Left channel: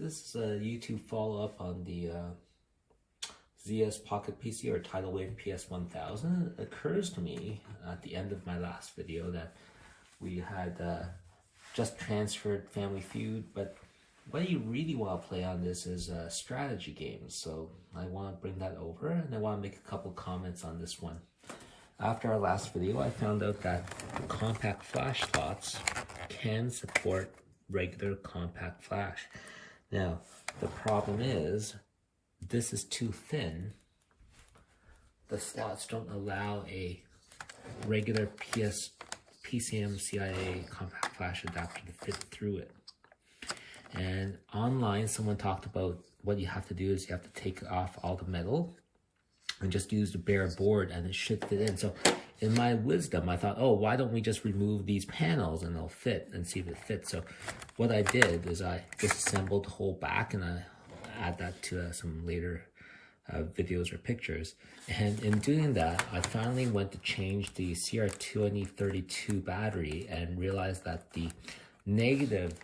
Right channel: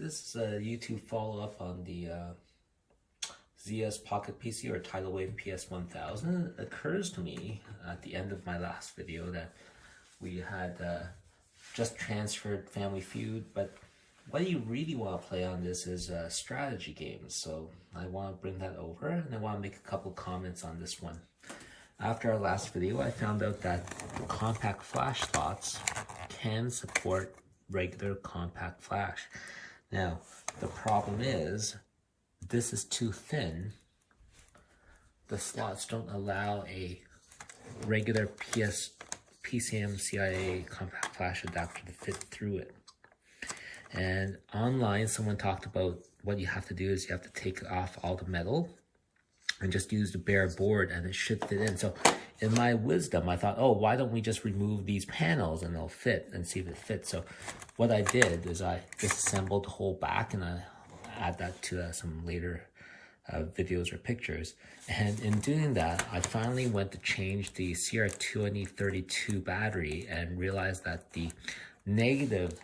This is a YouTube follow-up on the Zeos Pocket PC or Tidal Wave PS1000. It occurs to me at the end of my last video that we had just transferred Family Feud, but what you really want to play on this is strategy games. So I want to bring that over, and I want to make a couple comments on this one. After our last video, I found out that the compact flash slots can support regular compact flash. Now, the problem is, this is too thin. The slots don't allow a regular PCM CIA compact flash adapter to fit through it. And online, someone talked about what you have to do is you have to take off all the metal and just use the bare board and it should fit in. So in my wisdom, I thought, oh, why don't we just remove these panels and they'll fit and see if it fits. So what I did is I disassembled the whole back, and I add that to some later videos or pictures. And in doing that, I finally went to change the CR2032 battery and realized that the negative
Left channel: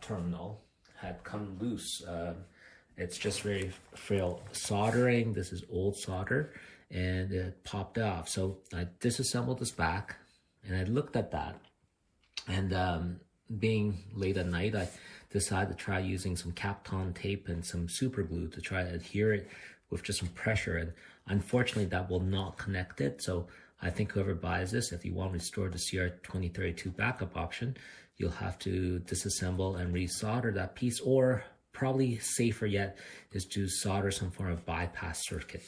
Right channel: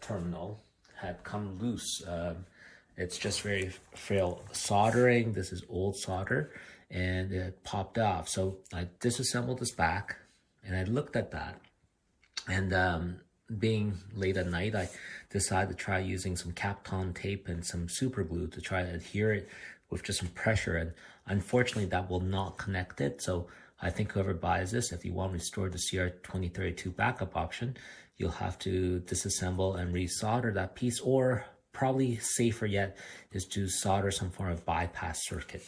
terminal had come loose. It's just very frail soldering. This is old solder, and it popped off. So I disassembled this back, and I looked at that, and being late at night, I decided to try using some Kapton tape and some superglue to try to adhere it with just some pressure, and unfortunately that will not connect it. So I think whoever buys this, if you want to restore the CR2032 backup option, you'll have to disassemble and resolder that piece, or probably safer yet is to solder some form of bypass circuit.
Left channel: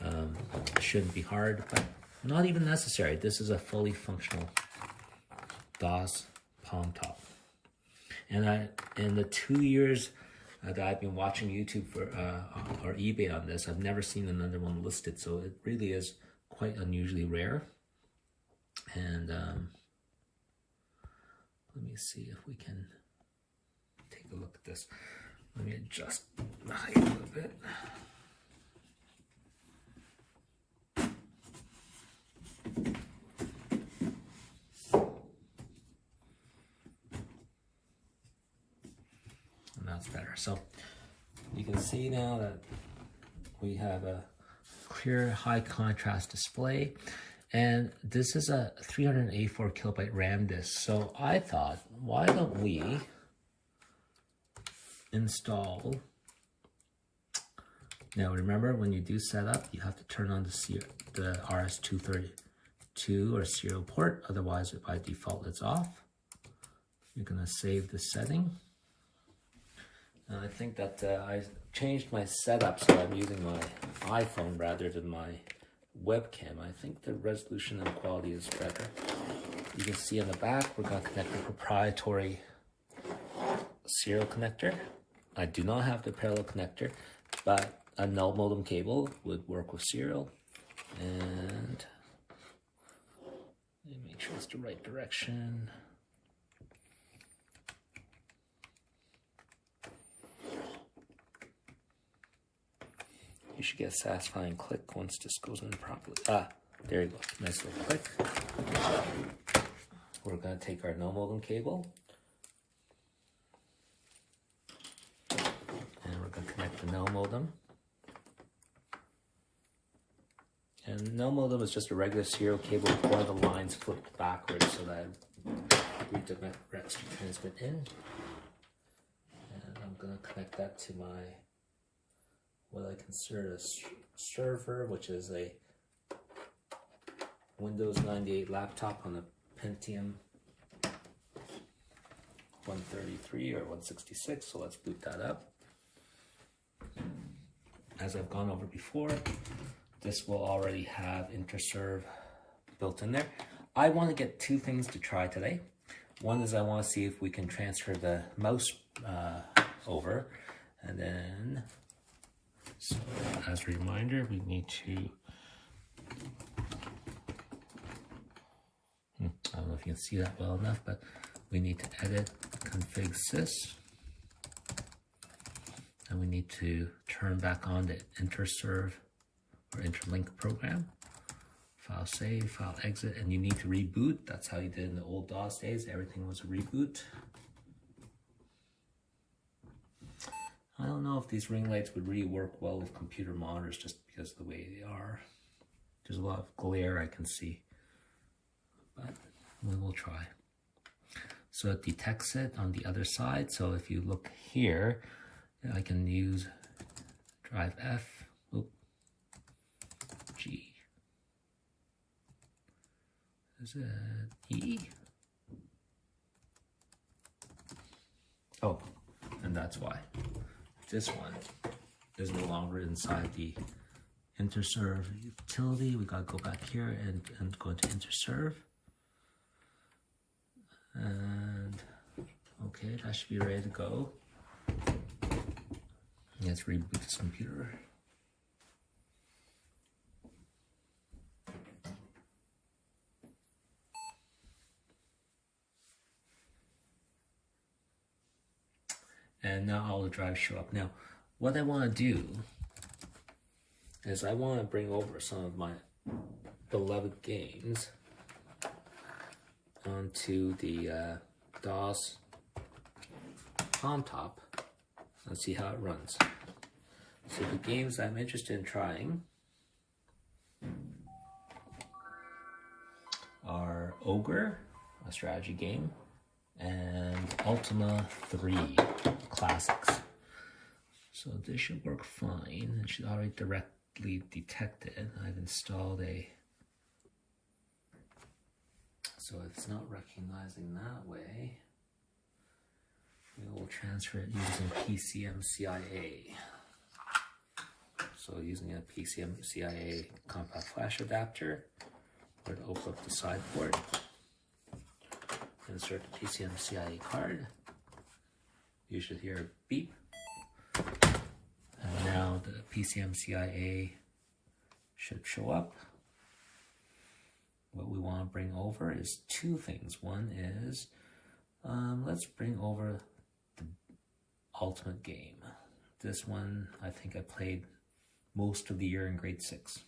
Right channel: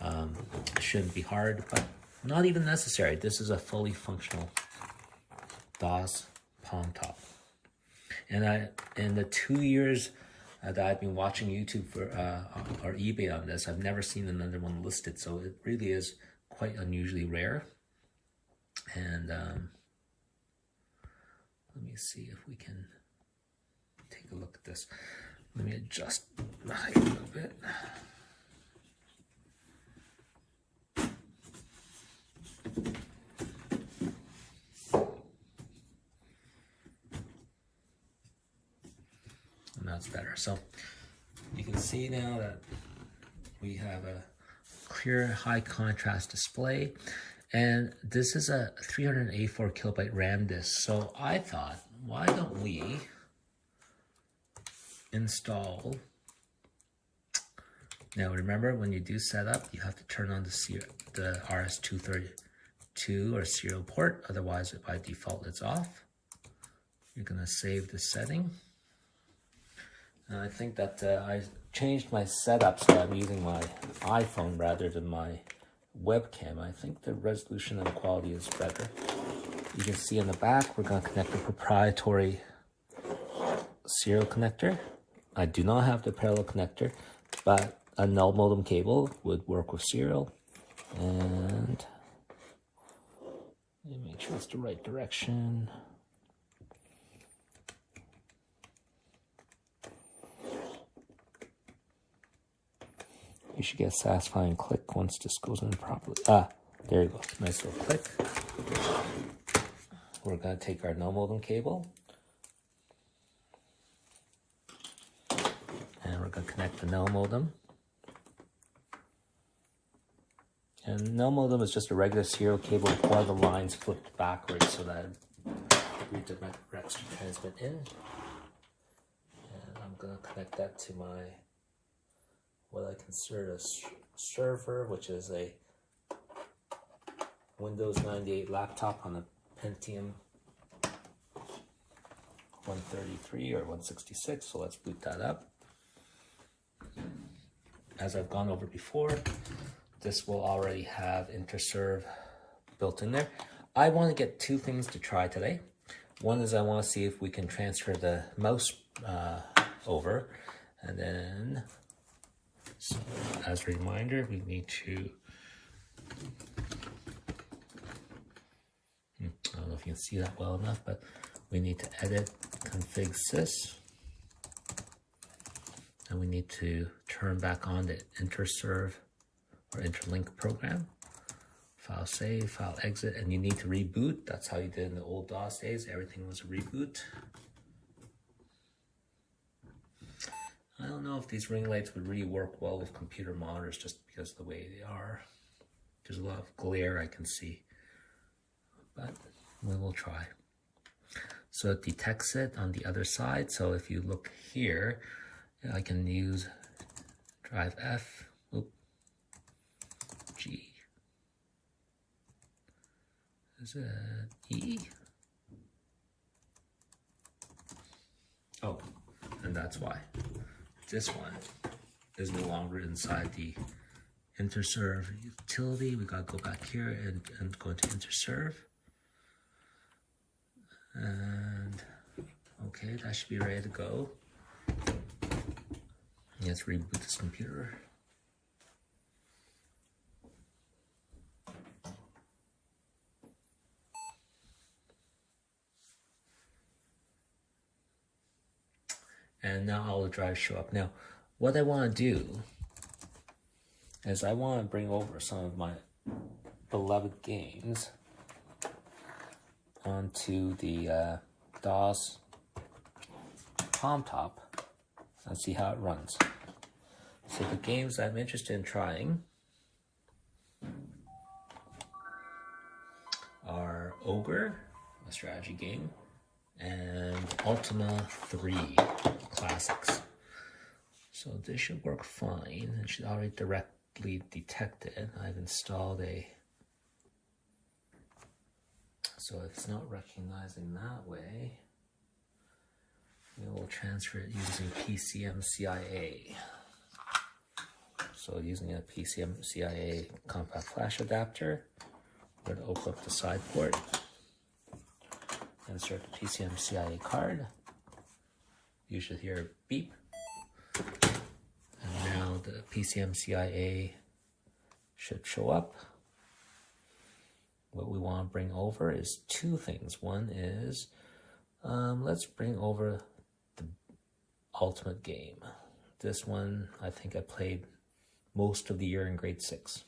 It shouldn't be hard, but not even necessary. This is a fully functional DOS palmtop. And in the 2 years that I've been watching YouTube for or eBay on this, I've never seen another one listed. So it really is quite unusually rare. And let me see if we can take a look at this. Let me adjust the height a little bit. And that's better. So you can see now that we have a clear high contrast display. And this is a 384 kilobyte RAM disk. So I thought, why don't we install? Now remember, when you do setup, you have to turn on the RS-232 or serial port. Otherwise, by default, it's off. You're gonna save the setting. And I think that I changed my setup, so I'm using my iPhone rather than my webcam. I think the resolution and the quality is better. You can see on the back, we're going to connect a proprietary serial connector. I do not have the parallel connector, but a null modem cable would work with serial. And let me make sure it's the right direction. You should get a satisfying click once this goes in properly. Ah, there you go. Nice little click. We're going to take our null modem cable, and we're going to connect the null modem. And null modem is just a regular serial cable with all the lines flipped backwards so that we did my extra transmit in. And I'm going to connect that to my what I consider a server, which is a Windows 98 laptop on a Pentium 133 or 166. So let's boot that up. As I've gone over before, this will already have InterServe built in there. I want to get two things to try today. One is I want to see if we can transfer the mouse over, and then, so as a reminder, we need to, I don't know if you can see that well enough, but we need to edit config sys, and we need to turn back on the InterServe or interlink program. File save, file exit, and you need to reboot. That's how you did in the old DOS days. Everything was a reboot. I don't know if these ring lights would really work well with computer monitors just because of the way they are. There's a lot of glare I can see, but we'll try. So it detects it on the other side. So if you look here, I can use drive F, G. Is it E? Oh, and that's why. This one is no longer inside the interserve utility. We gotta go back here and go into interserve. And okay, that should be ready to go. Let's reboot this computer. And now all the drives show up. Now, what I want to do is I want to bring over some of my beloved games onto the DOS palmtop and see how it runs. So the games I'm interested in trying are Ogre, a strategy game, and Ultima 3 classics. So this should work fine. It should already directly detect it. I've installed a... So if it's not recognizing that way, we will transfer it using PCMCIA. So using a PCMCIA compact flash adapter, we're going to open up the side port, insert the PCMCIA card. You should hear a beep. And now the PCMCIA should show up. What we want to bring over is two things. One is, let's bring over the Ultimate game. This one, I think I played most of the year in grade 6.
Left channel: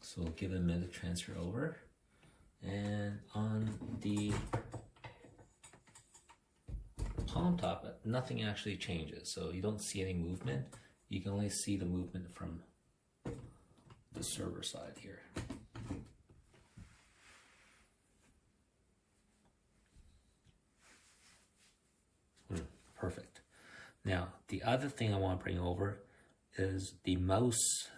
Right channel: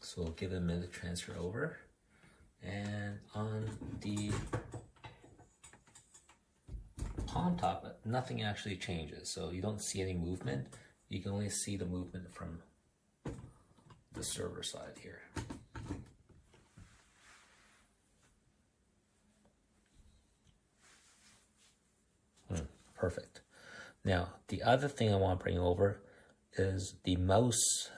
So we'll give it a minute to transfer over. And on the palmtop, nothing actually changes. So you don't see any movement. You can only see the movement from the server side here. Perfect. Now, the other thing I want to bring over is the mouse.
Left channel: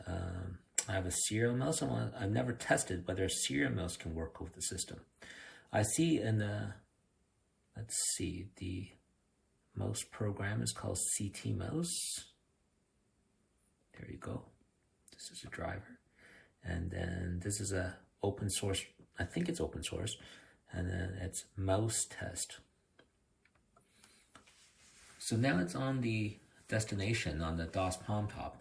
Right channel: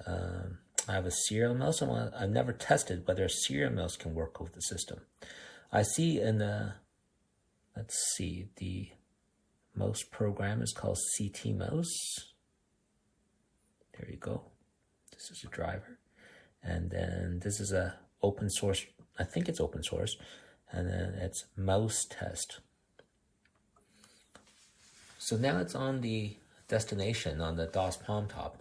I have a serial mouse. I've never tested whether a serial mouse can work with the system. I see in the, let's see, the mouse program is called CT mouse. There you go. This is a driver. And then this is a open source, I think it's open source. And then it's mouse test. So now it's on the destination on the DOS palmtop.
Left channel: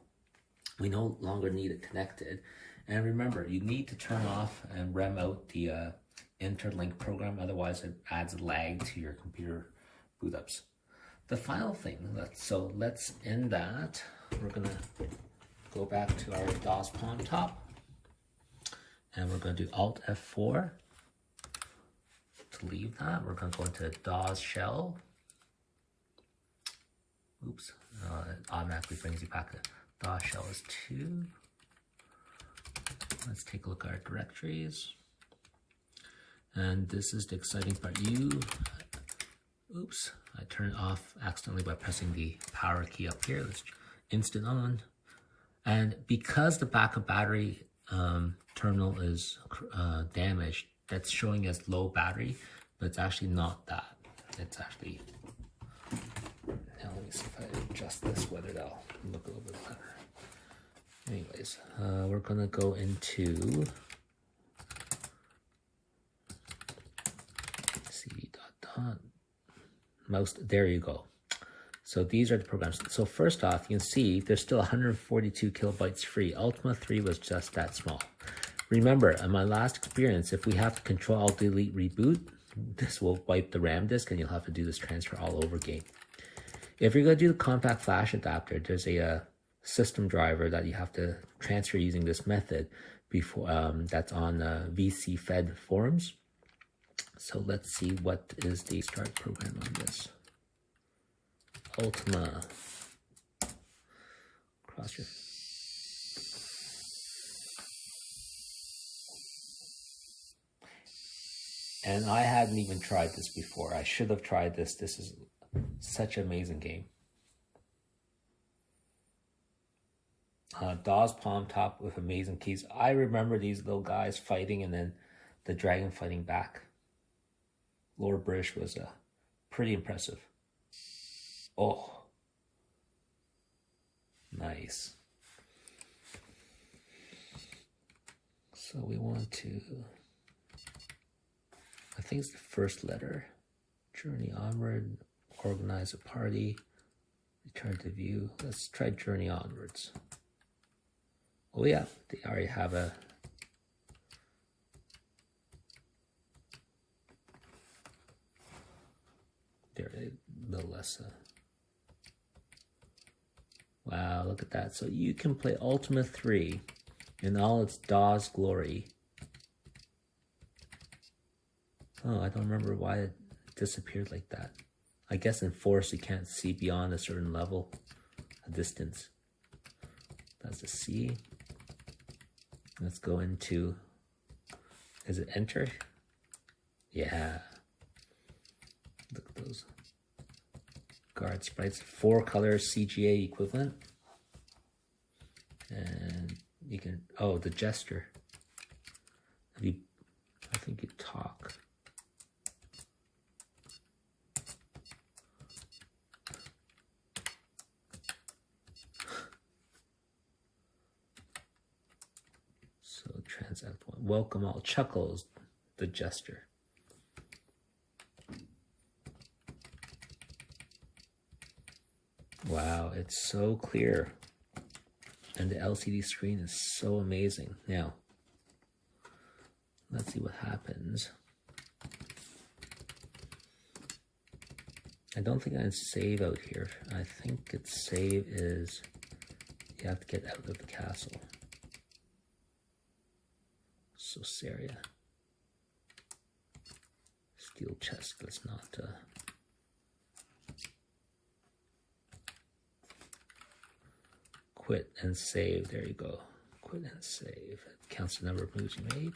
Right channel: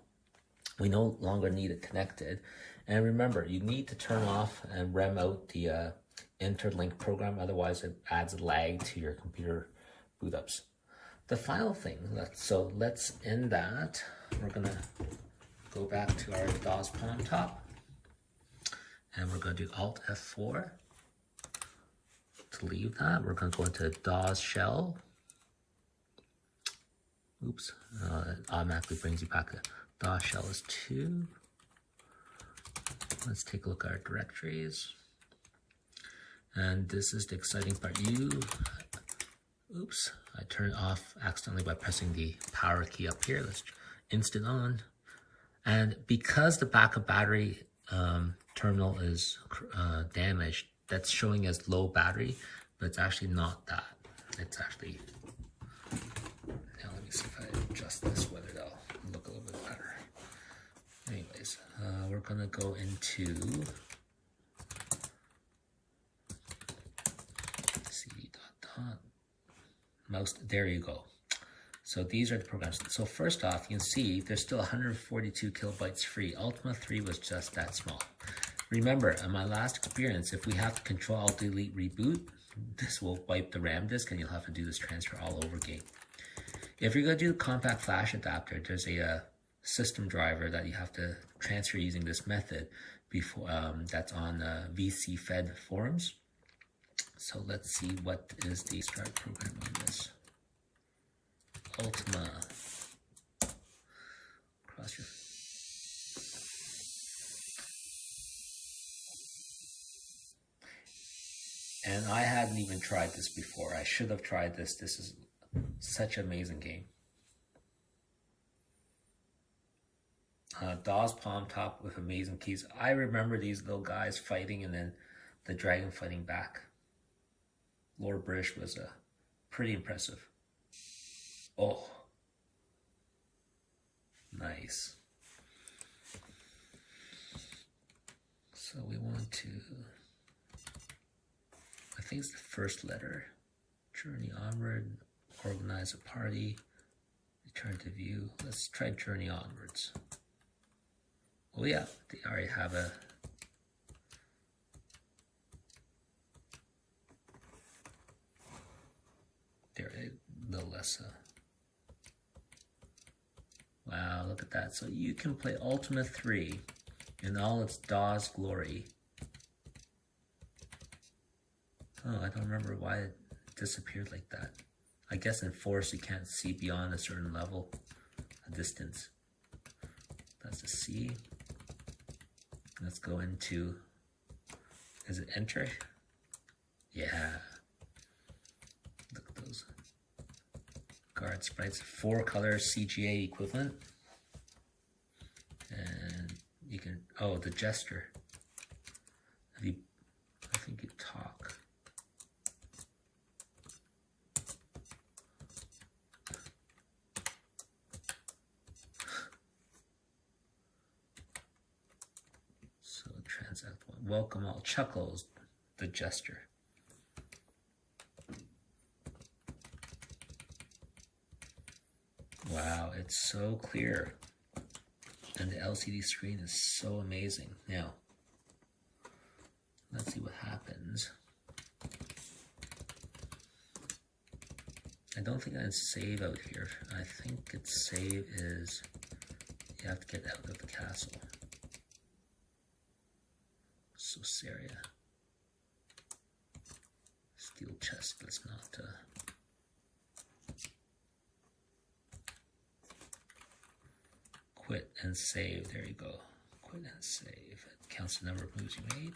We no longer need it connected. And remember, you need to turn off and rem out the interlink program, otherwise it adds a lag to your computer boot ups. The final thing, let's end that. We're gonna go back to our DOS palmtop and we're gonna do Alt F4 to leave that. We're gonna go into DOS shell. Oops, it automatically brings you back to DOS shell is 2. Let's take a look at our directories. And this is the exciting part. Oops, I turned off accidentally by pressing the power key up here. Let's instant on. And because the backup battery terminal is damaged, that's showing as low battery, but it's actually not that. It's actually, now let me see if I adjust this with it, I'll look a little bit better. Anyways, we're gonna go into mouse. There you go. So these are the programs. So first off, you can see there's still 142 kilobytes free. Ultima 3 was just that small. Remember, in my last experience, if we have to Control Alt Delete reboot, this will wipe the RAM disk and you'll have to do this transfer all over again. If you're going to do the compact flash adapter, there's a system driver that you have to transfer using this method before that's on VC Fed forums. So let's see what is the start program on this. Ultima. Cross your. And I hadn't even tried this before. I should have tried this. This is such an amazing game. DAW's palmtop with amazing keys. I remember these little guys fighting and then the dragon fighting back. Lord British was pretty impressive. Oh, nice. So we want to, I think it's the first letter. Journey onward, organize a party, return to view. Let's try journey onwards. Oh yeah, they already have a there, a little less. Wow, look at that. So you can play Ultima 3 in all its DAW's glory. Oh, I don't remember why it disappeared like that. I guess in Force you can't see beyond a certain level, a distance. That's a C. Let's go into, is it enter? Yeah. Look at those guard sprites, 4-color CGA equivalent. And you can, oh, the gesture. If you, I think you talk. So transact one. Welcome all. Chuckles, the gesture. Wow, it's so clear. And the LCD screen is so amazing. Now, let's see what happens. I don't think I can save out here. I think its save is you have to get out of the castle. So Saria. Steel chest, let's not quit and save. There you go. Quit and save. It counts the number of moves you made.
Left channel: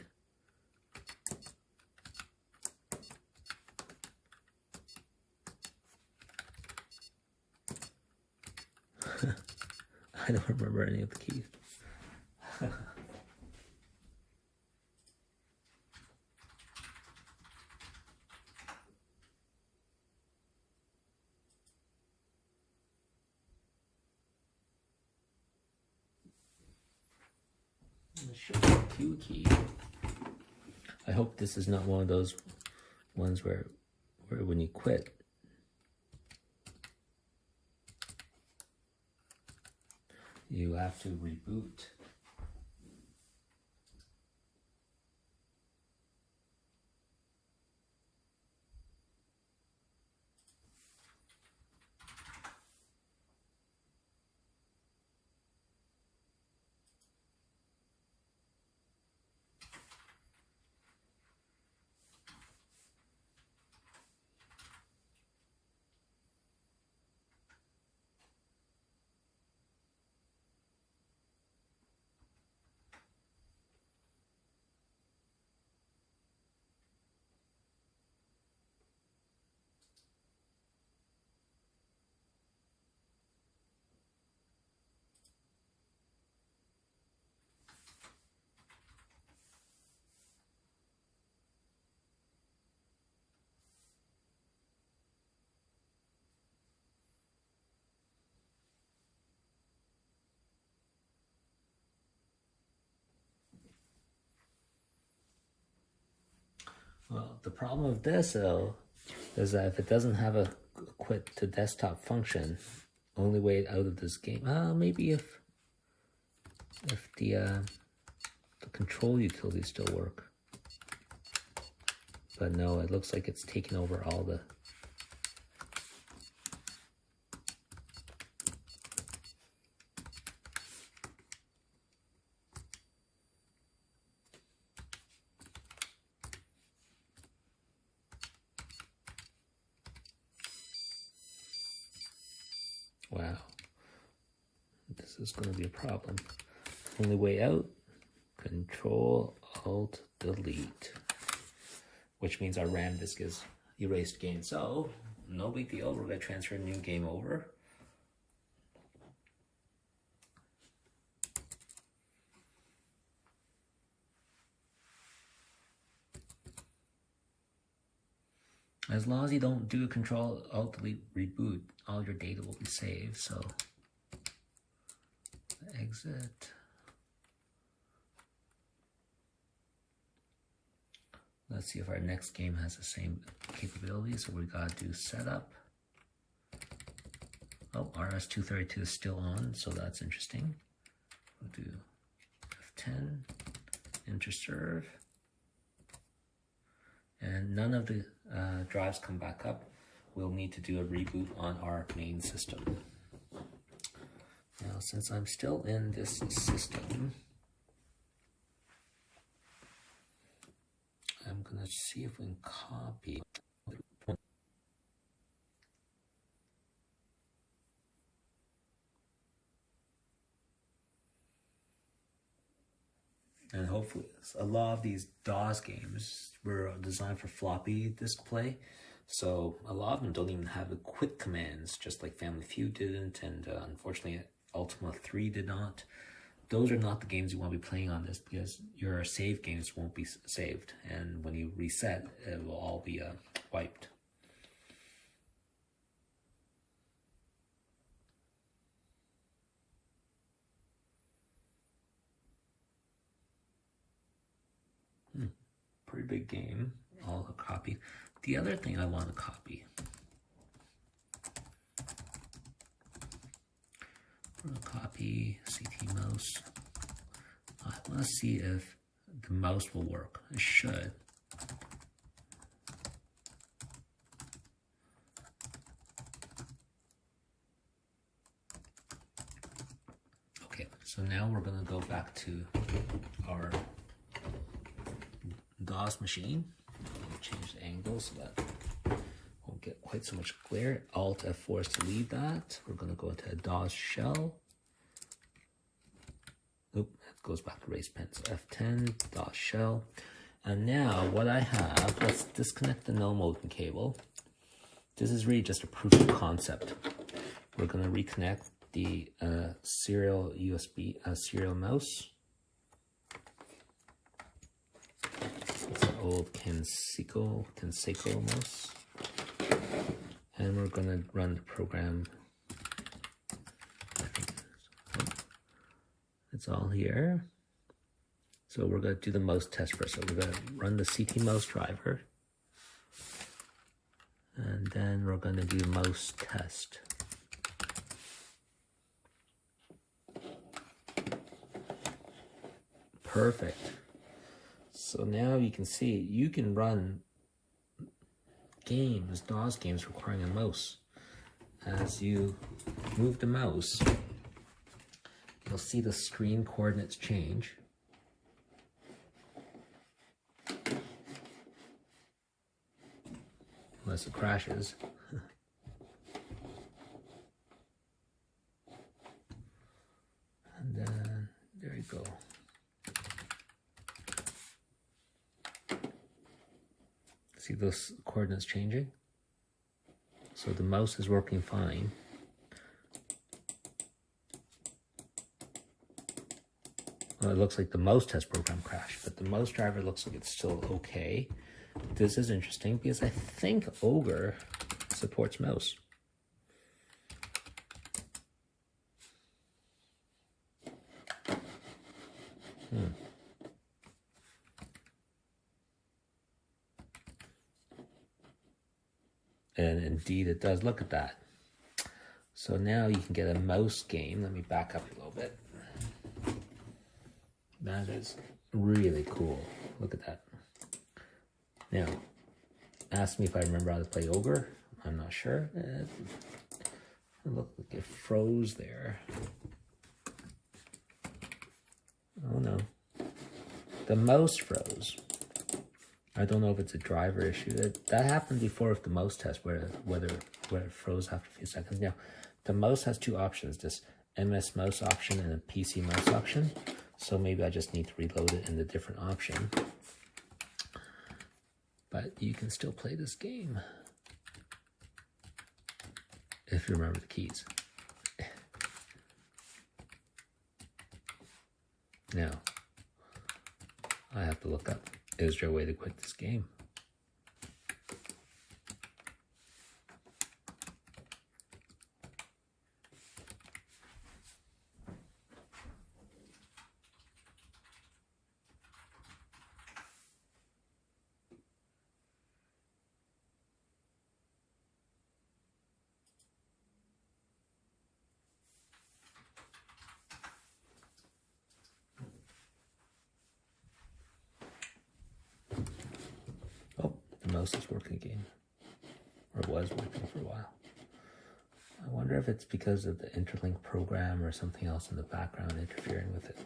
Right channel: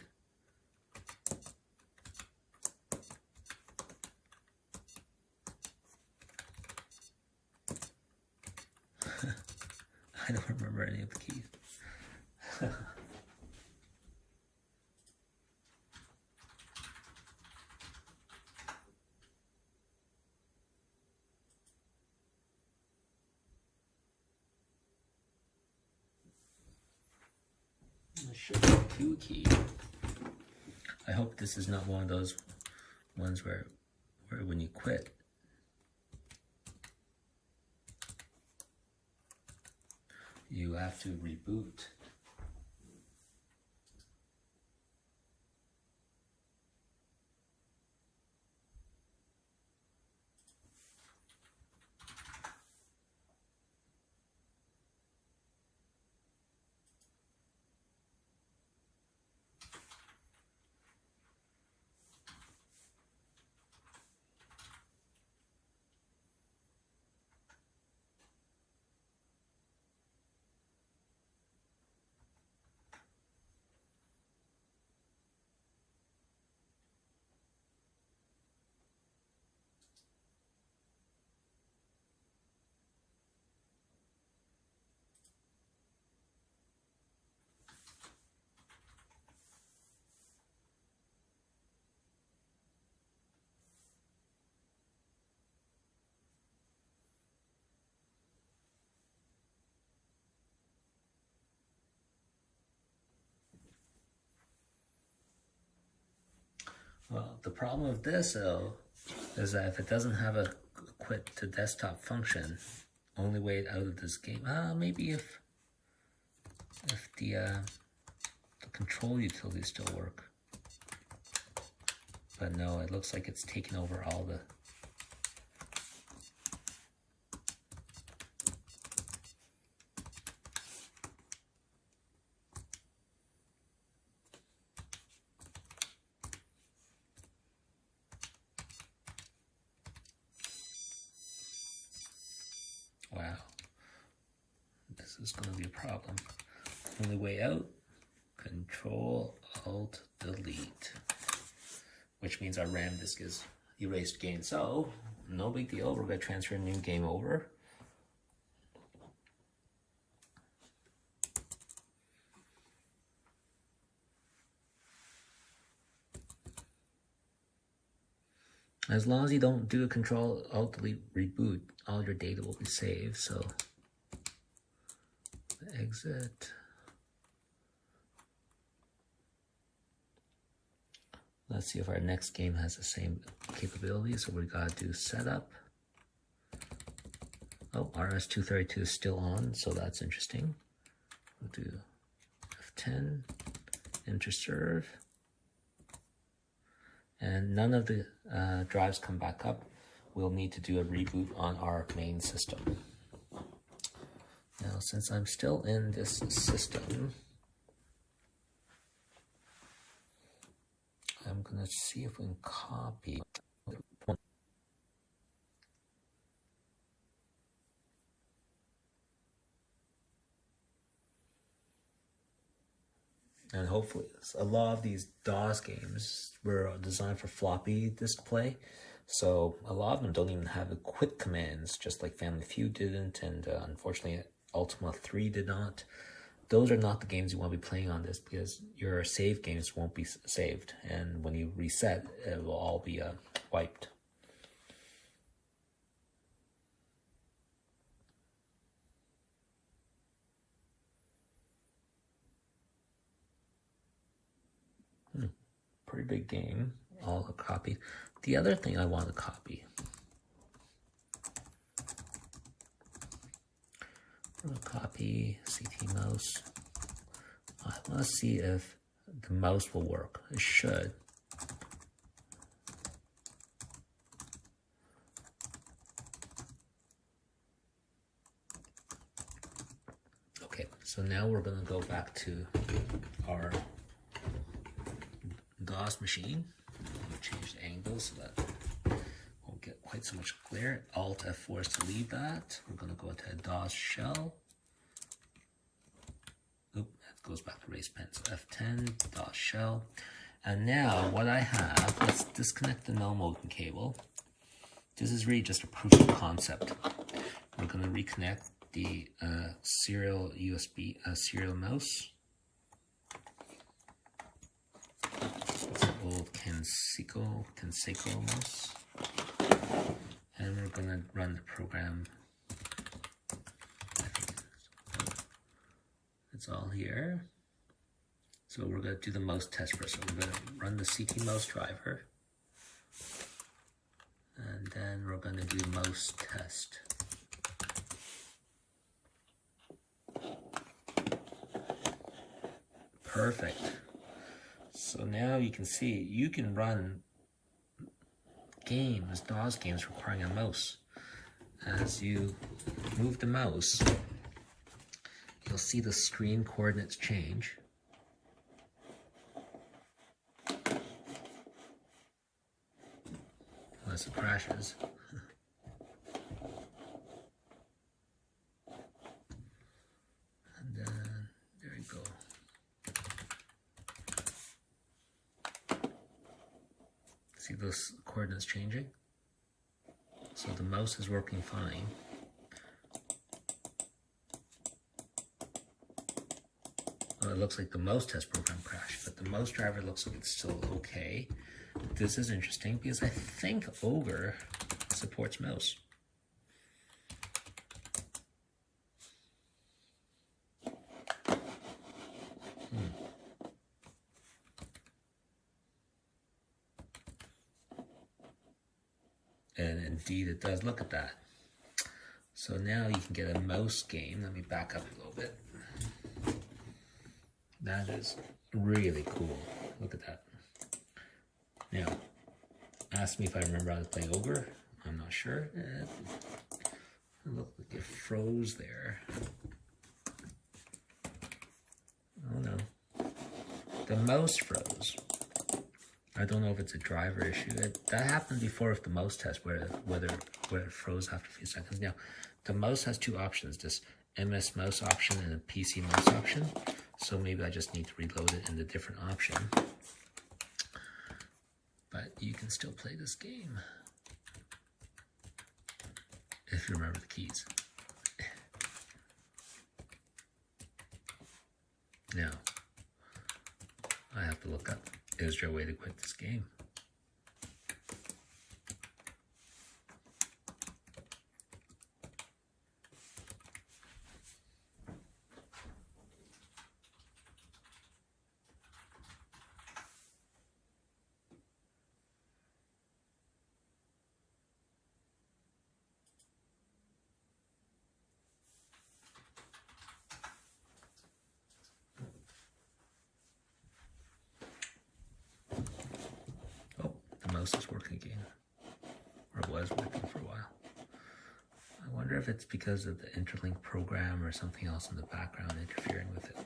I don't remember any of the keys. Show the Q key. I hope this is not one of those ones where when you quit, you have to reboot. Well, the problem with this though is that if it doesn't have a quit to desktop function, only way out of this game. Maybe if the control utilities still work, but no, it looks like it's taken over all the. Wow. This is going to be a problem. Only way out, Control Alt Delete, which means our RAM disk is erased again. So no big deal. We're going to transfer a new game over. As long as you don't do a Control Alt Delete reboot, all your data will be saved. So exit. Let's see if our next game has the same capability. So we gotta do setup. Oh, RS-232 is still on, so that's interesting. We'll do F10, enter serve. And none of the drives come back up. We'll need to do a reboot on our main system. Now, since I'm still in this system, I'm gonna see if we can copy. And hopefully, a lot of these DOS games were designed for floppy disk play. So a lot of them don't even have the quit commands, just like Family Feud didn't, and unfortunately Ultima 3 did not. Those are not the games you want to be playing on this, because your save games won't be saved, and when you reset, it will all be wiped. Pretty big game, all copied. The other thing I want to copy, I'm going to copy CT mouse. I want to see if the mouse will work. It should. Okay, so now we're going to go back to our DOS machine. Change the angle so that won't get quite so much glare. Alt F4 is to leave that. We're going to go into a DOS shell. Oop, that goes back to race pen. So F10, DOS shell. And now what I have, let's disconnect the no modem cable. This is really just a proof of concept. We're going to reconnect the serial USB serial mouse. It's an old Kenseco mouse. And we're going to run the program. It's all here. So we're going to do the mouse test first. So we're going to run the CT mouse driver. And then we're going to do mouse test. Perfect. So now you can see, you can run games, DOS games requiring a mouse. As you move the mouse, you'll see the screen coordinates change. Unless it crashes. And then, there you go. See those coordinates changing? So the mouse is working fine. Well, it looks like the mouse test program crashed, but the mouse driver looks like it's still okay. This is interesting because I think Ogre supports mouse. And indeed it does. Look at that. So now you can get a mouse game. Let me back up a little bit. That is really cool. Look at that. Now, ask me if I remember how to play Ogre. I'm not sure. It looked like it froze there. Oh no. The mouse froze. I don't know if it's a driver issue. That happened before with the mouse test, whether where it froze after a few seconds. Now, the mouse has two options, this MS mouse option and a PC mouse option. So maybe I just need to reload it in the different option. But you can still play this game if you remember the keys. Now, I have to look up, is there a way to quit this game? The mouse is working again, or was working for a while. I wonder if it's because of the interlink program or something else in the background interfering with it.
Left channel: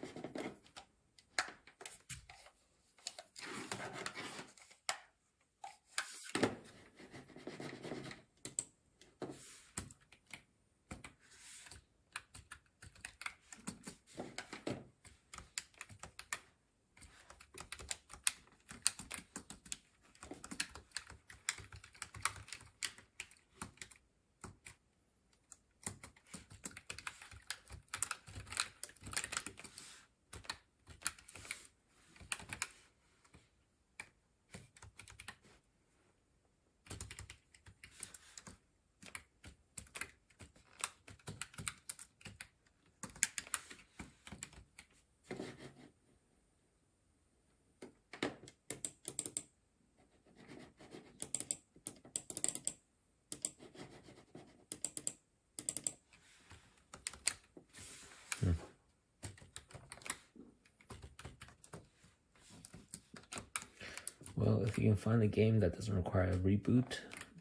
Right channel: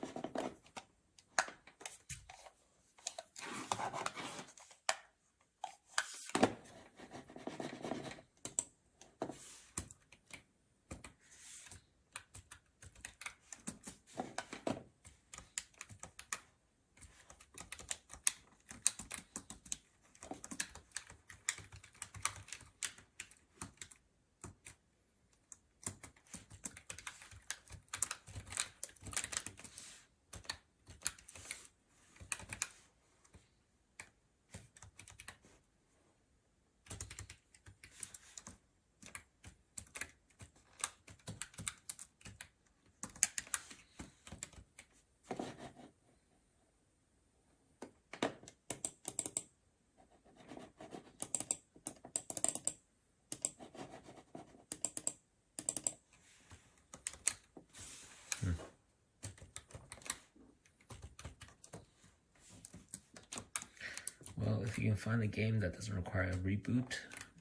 Well, if you can find a game that doesn't require a reboot,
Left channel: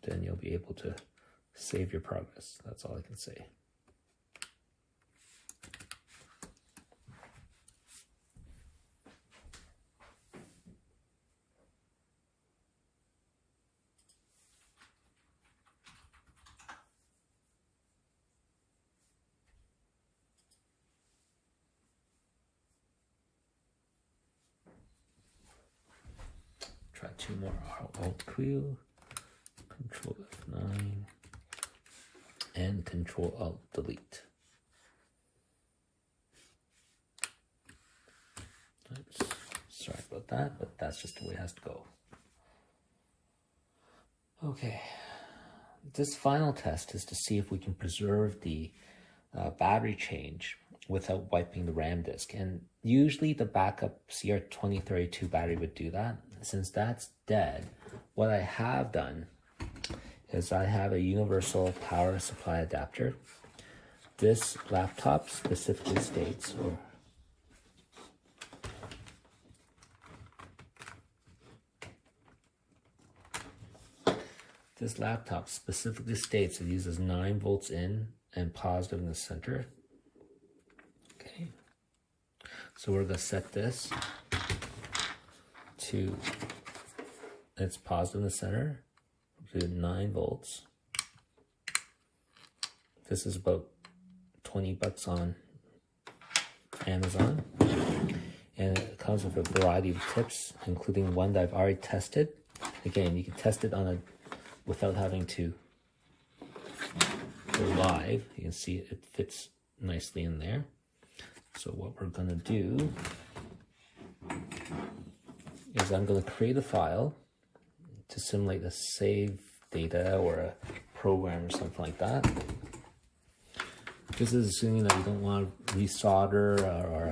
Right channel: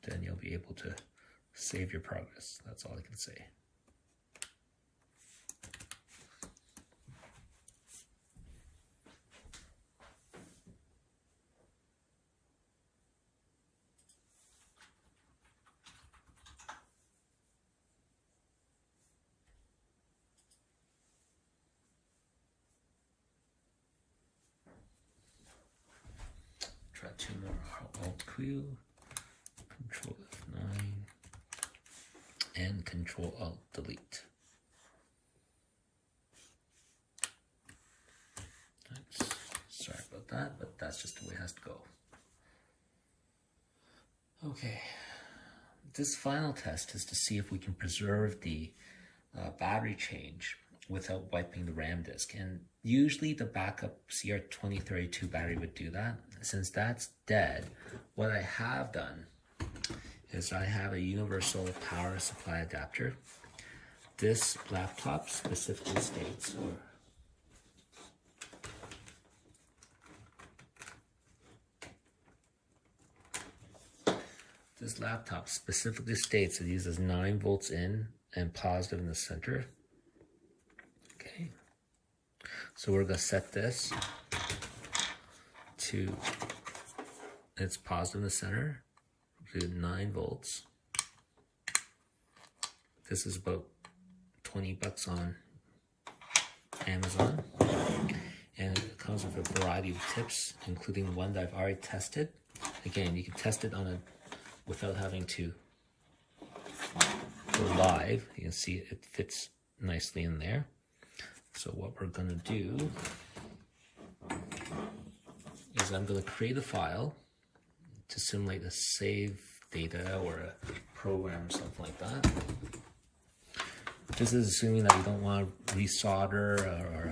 then you'll be able to save your progress. That's all I can say. Try two more. Alt-Q, Control F9, and Control Alt-Delete. Oops, sorry about that, but that's just the way it has to go. Okay, this final test is to see if we can preserve the battery change without wiping the RAM disk. And usually the backup CR2032 battery would do that. Since that's dead, what I have done is I have a universal power supply adapter. This laptop specifically states, it uses 9 volts in and positive in the center. Okay, so we're going to set this to its positive in the center. We'll do 9 volts. This is about 20 bucks on Amazon, and it comes with a variety of tips, including one that I've already tested. Again, you can test it on a without having to go live. You can see it fits nicely in there. So what we're going to do is I'm going to create a file to simulate a save data or a program or something like that. This is assuming that you don't want to resolder or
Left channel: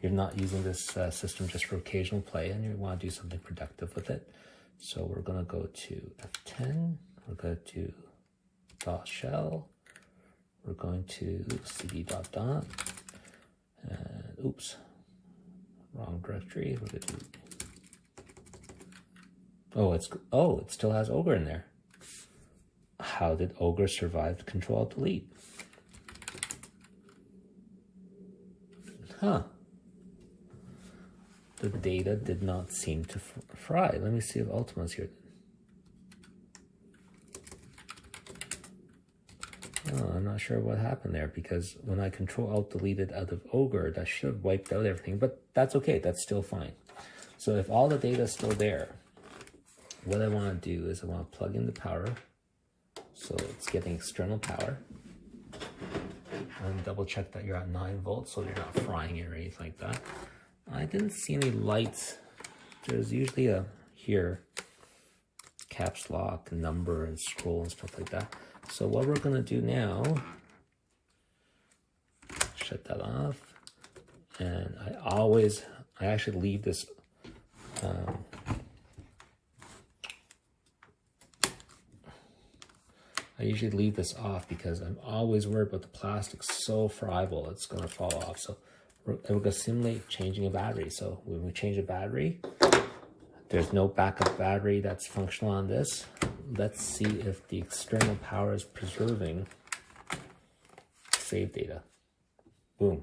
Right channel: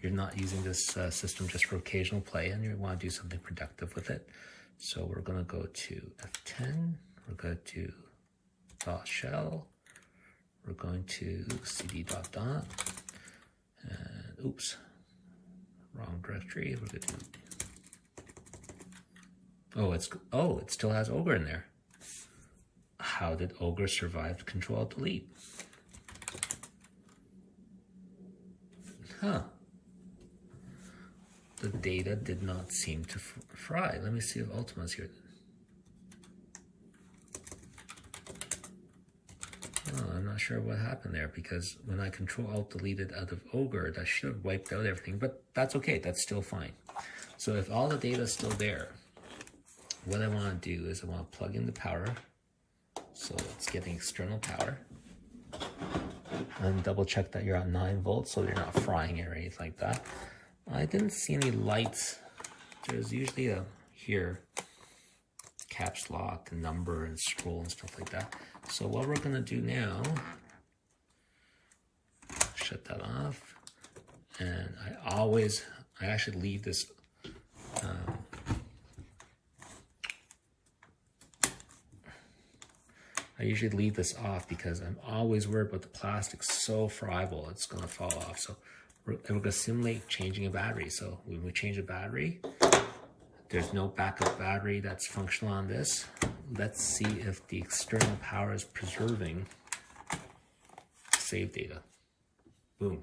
you're not using this system just for occasional play and you want to do something productive with it. So we're going to go to F10, we're going to .shell, we're going to cd dot, and oops, wrong directory. We're going to it still has Ogre in there. How did Ogre survive Control Delete? Huh. The data did not seem to fry. Let me see if Ultima's here. sure what happened there, because when I Control Alt deleted out of Ogre, that should have wiped out everything, but that's okay, that's still fine. So if all the data is still there, what I want to do is I want to plug in the power, so it's getting external power, and double check that you're at 9 volts, so you're not frying it or anything like that. I didn't see any lights. There's usually a here caps lock, number, and scroll and stuff like that. So what we're gonna do now, shut that off, and I actually leave this I usually leave this off because I'm always worried about the plastic so friable it's gonna fall off. So we're gonna simulate changing a battery. So when we change a battery, there's no backup battery that's functional on this. Let's see if the external power is preserving save data. Boom.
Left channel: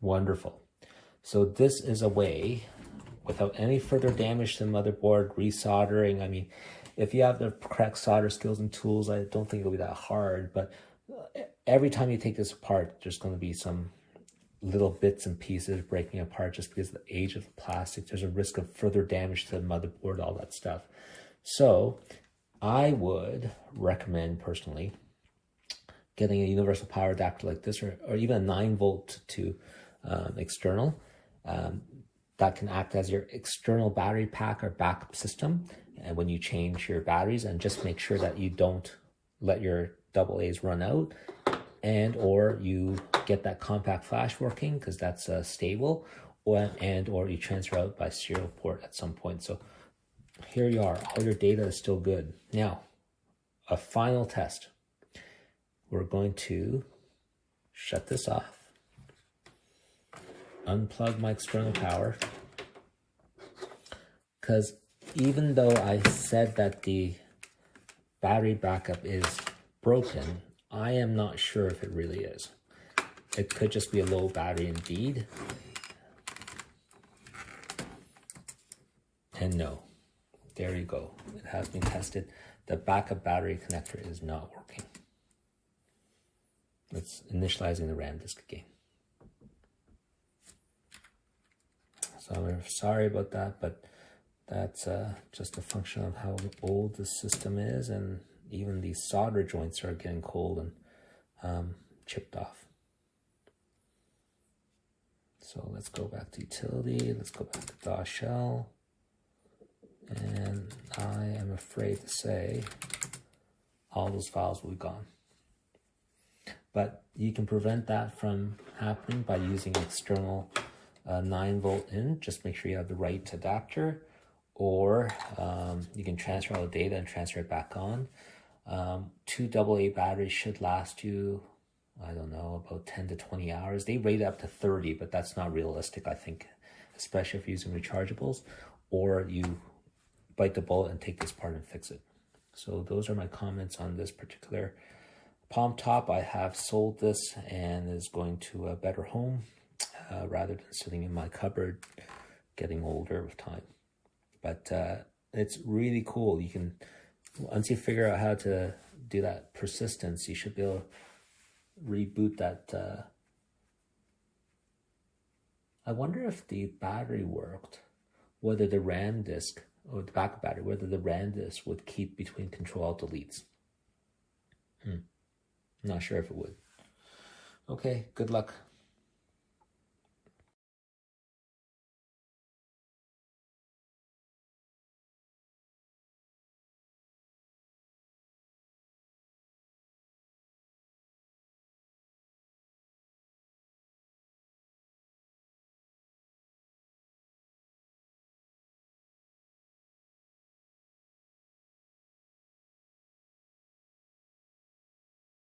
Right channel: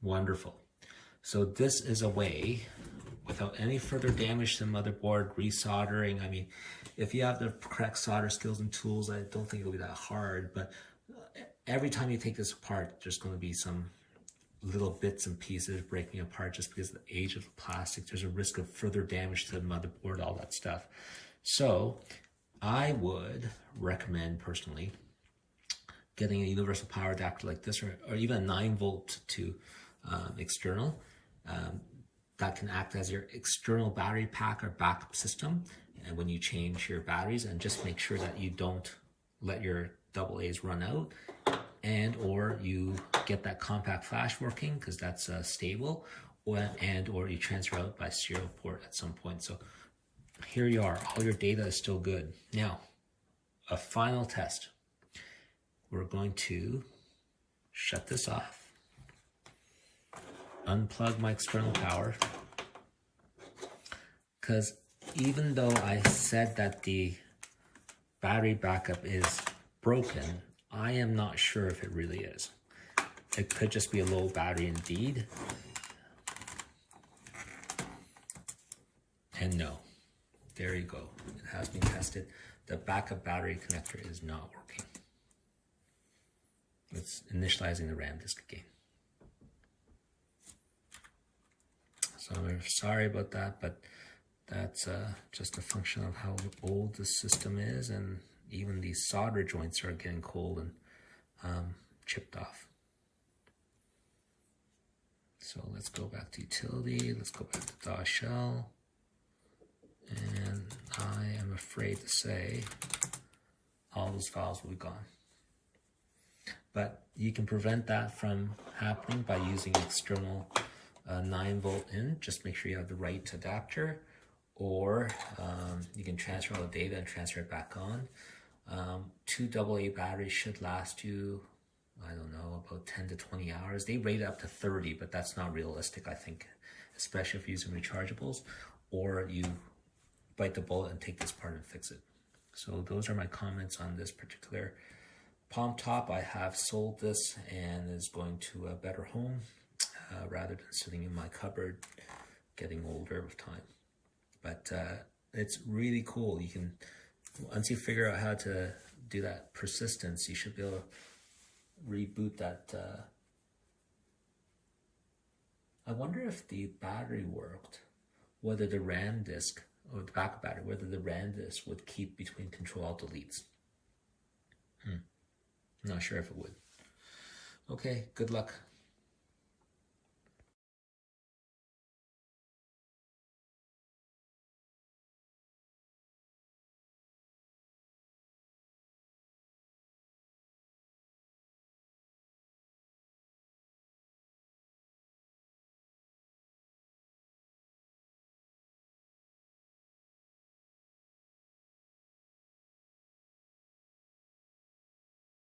Wonderful. So this is a way, without any further damage to the motherboard, resoldering. I mean, if you have the correct solder skills and tools, I don't think it'll be that hard, but every time you take this apart, there's going to be some little bits and pieces breaking apart just because of the age of the plastic. There's a risk of further damage to the motherboard, all that stuff. So I would recommend personally getting a universal power adapter like this, or even a 9 volt to external that can act as your external battery pack or backup system. And when you change your batteries, and just make sure that you don't let your AA's run out, and or you get that compact flash working, because that's stable, or you transfer out by serial port at some point. So here you are, all your data is still good. Now, a final test. We're going to shut this off, unplug my external power, because even though I said that the battery backup is broken, I am not sure if it really is. It could just be a low battery indeed. And no, there you go. It has been tested. The backup battery connector is not working. It's initializing the RAM disk again. So I'm sorry about that, but that's just a function of how old the system is, and even these solder joints are getting cold and chipped off. So let's go back to utility, let's go back to DOS shell, and I am afraid to say all those files will be gone. But you can prevent that from happening by using external 9 volt in. Just make sure you have the right adapter, or you can transfer all the data and transfer it back on. 2 AA batteries should last you, I don't know, about 10 to 20 hours. They rate up to 30, but that's not realistic, I think, especially if you're using rechargeables, or you bite the bullet and take this part and fix it. So those are my comments on this particular palmtop. I have sold this and is going to a better home rather than sitting in my cupboard getting older with time. But it's really cool. You can, once you figure out how to do that persistence, you should be able to reboot that. I wonder if the battery worked, whether the RAM disk or the backup battery, whether the RAM disk would keep between Control Alt Deletes. I'm not sure if it would. Okay, good luck.